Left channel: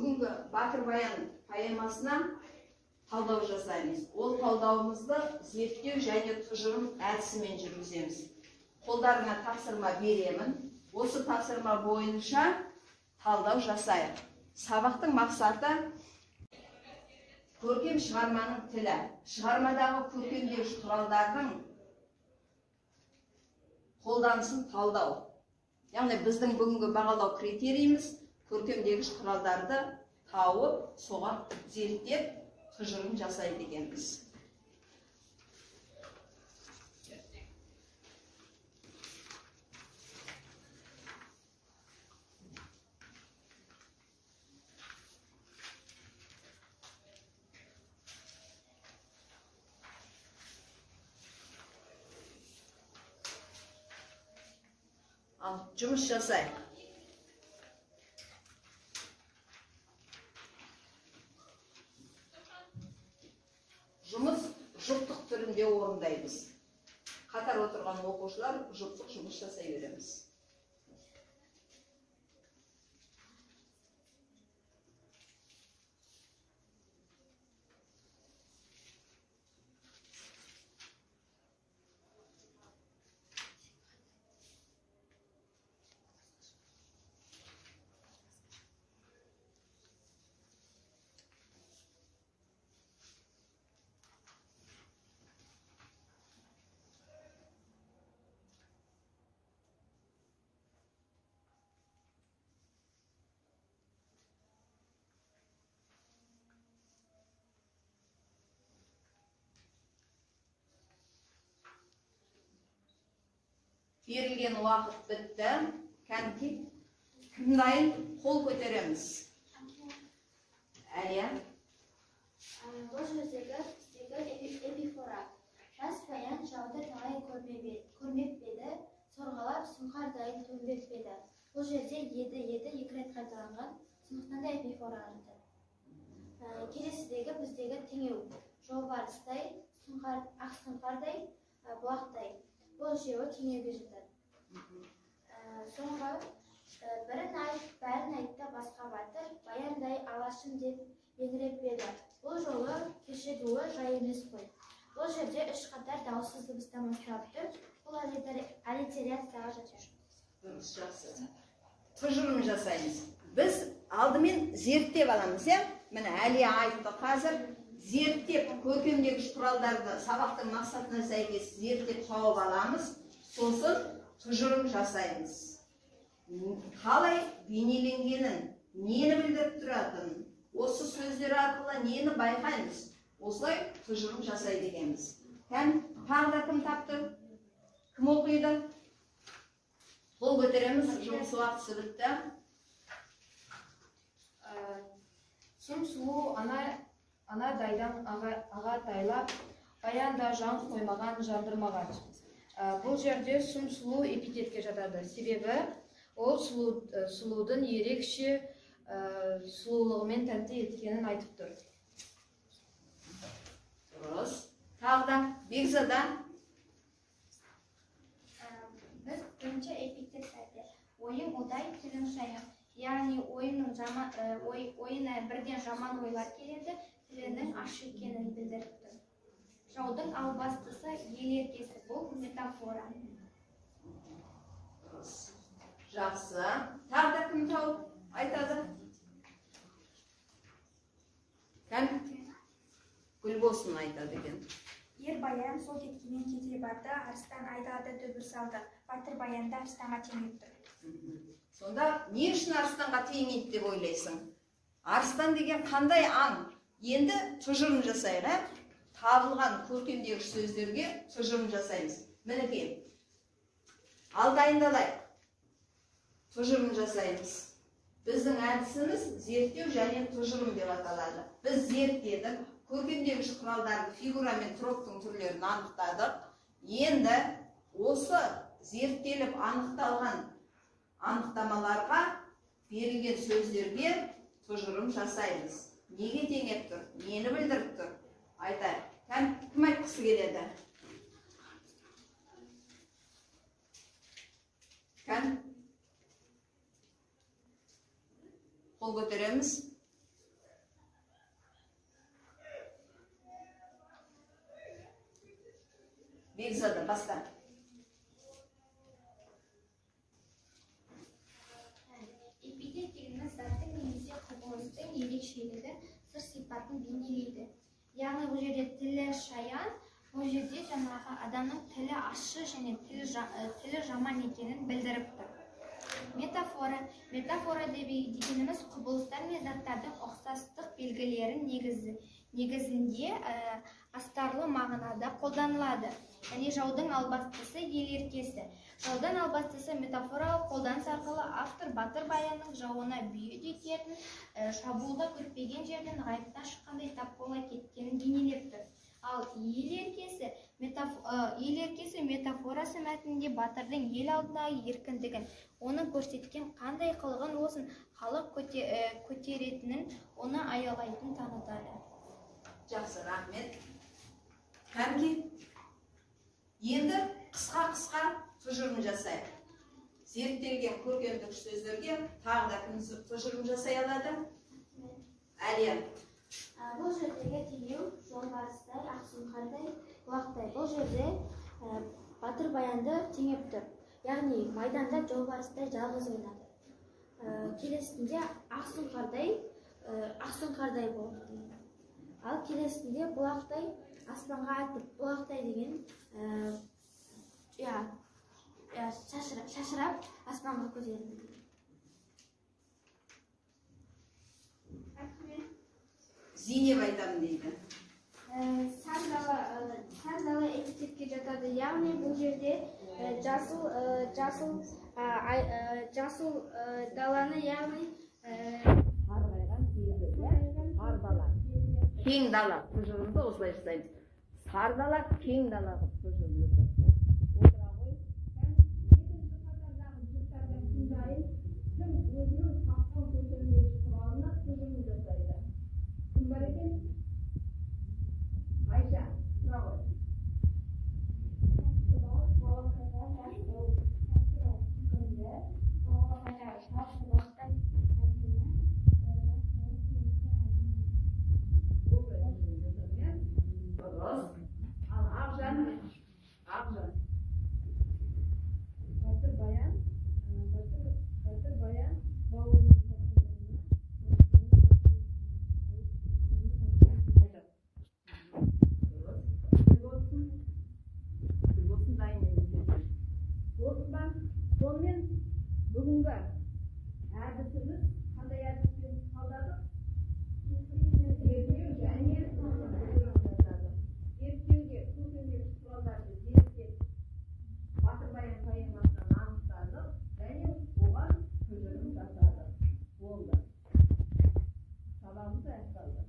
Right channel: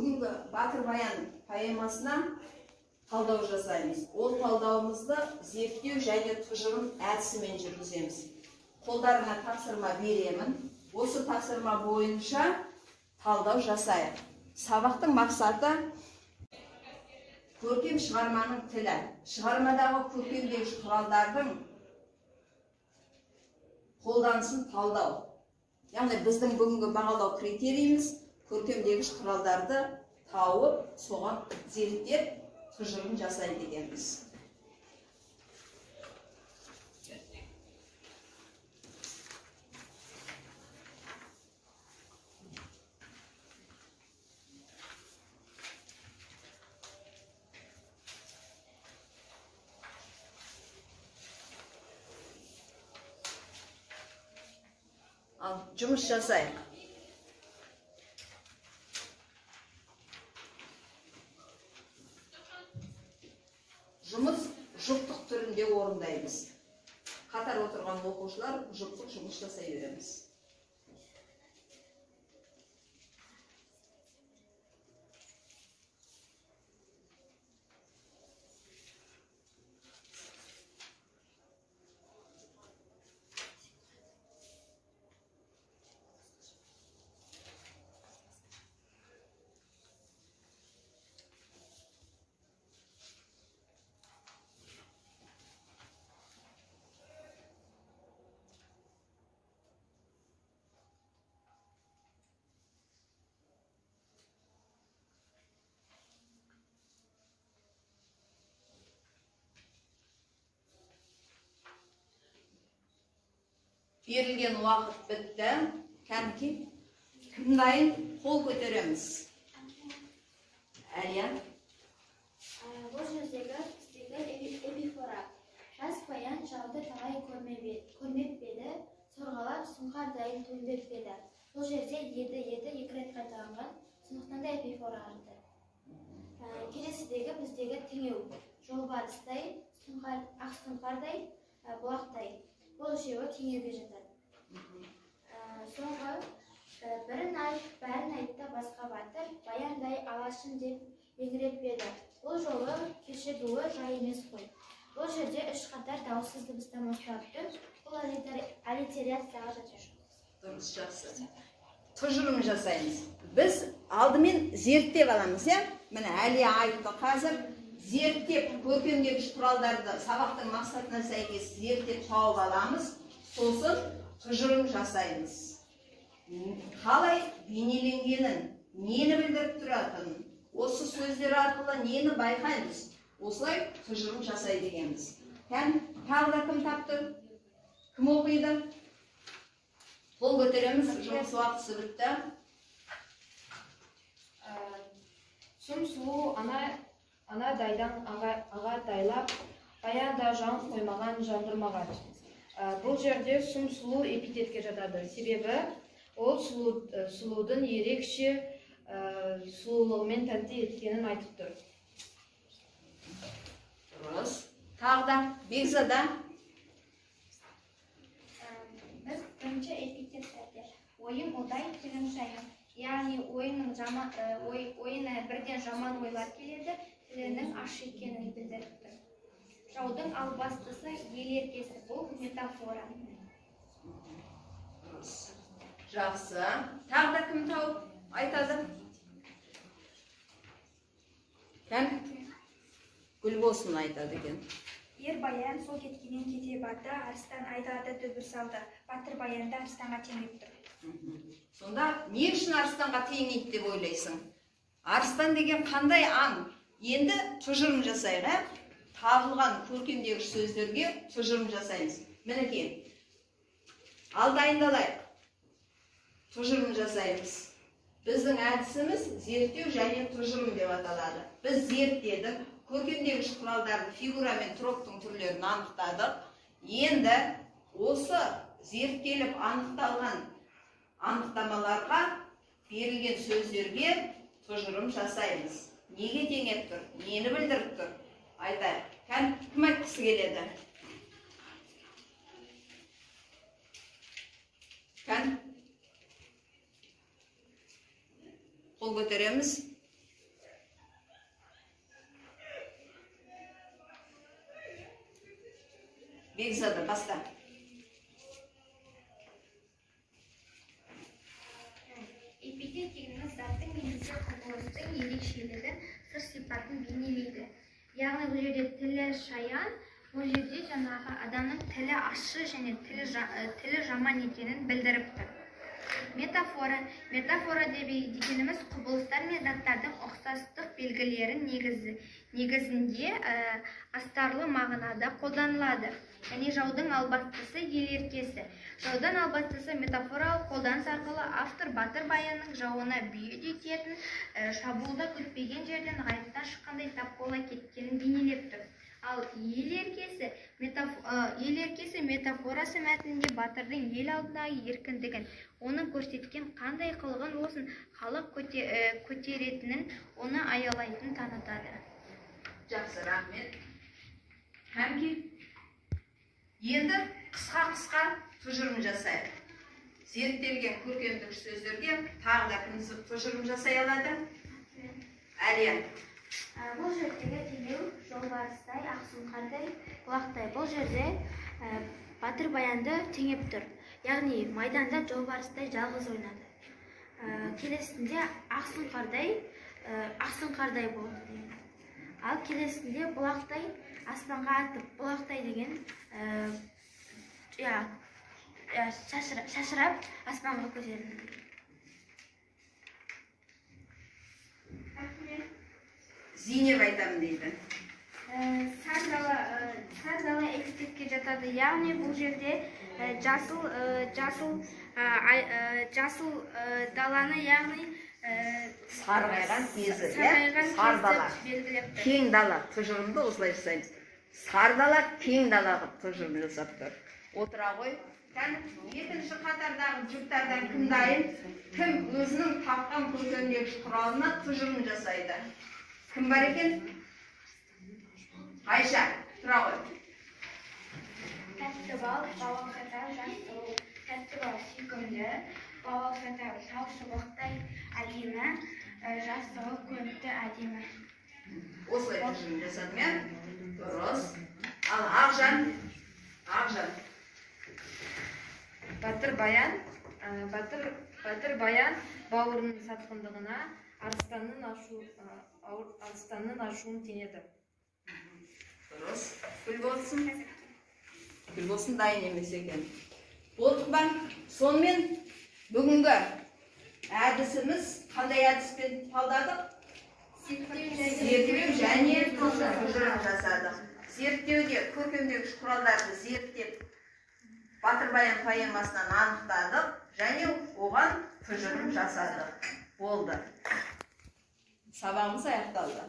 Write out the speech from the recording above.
бүгінгі Батыр Баян поэмасына талдау жасаймыз. Ол талдауымызды зерттеу және тұжырым әдісімен жүргіземіз. Қолдарына тапсырма беремін. Осы тапсырма бойынша талдау жасайық. Сабақтың мақсаты көркем шығарманың тілі. Шығармадағы көркемдегіш құралдардың қолданысын талдау. Яғни біздің бүгінгі бағалау критерийіміз көркемдегіш құралдарды тауып, соған зерттеп, тұжырым жасайды екенбіз. Жұмыс жасайық. Жұмыс жұптық түрінде орындаймыз. Қатар отырған оқушылар жұптық жұмыс жасай береміз. Берілген уақыт бітті. Кәмки, кім дайын? Қол көтереміз. Әлия. Бұл жердегі эпифора. Жас баян жауды талай көрмеп беді, сорғалап сұңқар дайын төнбеп беді. Бұл жерде еді екі рет қайталанған, сондықтан да эпифора арты. Келесідегі біздегі теңеу. Жолбарыстай, ақ сұңқардай, бұлақтай. Бұл үшеуі теңеуге жатады. Соңғы бірін айт, бәрін айтты басқа батыр, баяндай алашым деп еңіреп еді. Бұл жолы кешігуі жай емес қой. Бұл жерде үш қатар дауыссыз дыбыстан бастапты. Бұл аллитерацияға жатыр. Дұрыс, жақсы. Тұжырым жасаймыз. Біз алдымен зерттеп аламыз, міне Әлия айтты қазір. Зерттеп, көркемдегіш құралдарды сабақтың мақсатына сәйкес зерттеп тауып аламыз, сосын тұжырым жасаймыз. Қалай бейнеленгенін, нені білдіріп тұратынын, осы сөздер арқылы нені байқаймыз, осылай тұжырым жасайды екенбіз. Тағы да кім тапты? Кім оқиды? Қол көтереміз, жұмыс уақытысы бітті. Сұм сұлу анадайдан ағатайлап, баянда жан қоймаған жандырмаған. Бұл жерде сұм сұлу эпитетке жатады. Себебі ол сұлудың ерекше сұлулығымен тәтті еткенін айтып тұр. Дұрыс. Тағы да Бекзада. Біз бірінші эпитеттерде ойым одай, тілім шайын. Яғни ойына бірден жаман ойлар келеді, тілінің аш екенін білдіріп тұр. Жаудың албастысы ел еркесі, бұл метафора. Жақсы. Тағы да кім тауып айтады? Кәм? Гүлбосын айтады екен. Ер баян сол кеткенен кете барды, арыстан айдады дүбір салды. Батыр баянда арыстанға теңеп тұр. Сонда не үшін арыстанға теңейді деп ойлайсың? Арыстан деген қандай аң? Енді тұжырым жасайық, табылған көркемдегіш сөздерге тұжырым жасаймыз. Мінекей, ал дайындалайық. Тұжырым жасаймыз. Біздің әдісіміз зерттеу және тұжырым деп аталады. Біз зерттедік, көркемдегіш құралдарды фигура мен троптың түрлерін анықтадық. Енді осы зерттеліп анықталған анықтамаларға берілген сөздерге тұжырым жасаймыз. Неге теңеп тұр? Нені білдіріп тұр? Айтайық. Кім айтқысы келеді? Қол көтереміз. бекзада баста. Эпитет дегеніміз заттың немесе құбылыстың ерекшелігін, сыр сипатын бейнелейді. Яғни бұл жерде тілі шаян, бұл жерде жаңағы адамның тілі ащы және тілі жаман екенін білдіріп тұр. Метафора дегеніміз құбылыстар мен заттардың ұқсастық белгілерін негізінде астарлы мағынада қолданылады. Және жаудың албастысы ел еркесі. Жаудан албастысы метафоралық қолданыс арқылы автор Батыр Баянның жауына бүйет ететін, шабуылда күтпеген жерден ғайыптан шыққандай тап бола кеткенін бейнелеп тұр. Ал ел еркесі метафорасы мәтінінде батырдың ел алдындағы еркіндігін, оның көрсеткен қандай қылығын болсын халық көтеретінін, оны аялайтынын танытады. Жақсы, рахмет. Кәмке, енді қысқа тұжырым жасайық. Зерттелген көркемдік сөздерге тағы да кім тұжырым жасай алады? Әлия. Бұл жердегі теңеу жолбарыстай, ақсұңқардай, бұлақтай. Бұл жерде Батыр Баянды теңеп тұр. Яғни майданда жолбарыстай жалғыз ойнады. Келесінде ақсұңқардай болды. Ал келесінде бұлақтай, аспанға атып, бұлақтай деген шашырап аспанға көтерілді. Зейнеп айтамын дейді. Сардала эпитетке жатады. Яғни бұл жерде жасыл даланы, яғни Сарғайған кезі, сарғайған белгілеп тұр. Кең дала, тұжырымды осылай жасаймыз. Сардала кең далаға тұжырым жасап тұр. Отыра ғой. Екінші қатардағы жұптардан кім дайын? Кім өзінің тапқан көркемдегіш құралына тұжырым жасайды? Кім бар екен? Айша, тұра ғой. Тәтті бал, бауыр қатар, жас сұлу. Тәтті бал сүйкімді, бауыр қатар, тау шыбықтай әдемі, жас сұлу көрікті әдемі. Осылай тұжырым жасадым, иә? Дұрыс. Ал Ақжан. Батыр Баян бауырының сатқындығына арыстанның ашуын теңеді. Дұрыс. Гүл болсын дайын емес екен. Болдық ба? Сонымен бүгінгі әдісіміз қандай әдіспен талдадық? Зерттеу және тұжырым жасадық. Зерттеуде көркемдегіш құралдарды зерттеп Батыр Баян поэмасынан анықтадық және оған тұжырым жасадық. Болды. Сабағымыз аяқталды.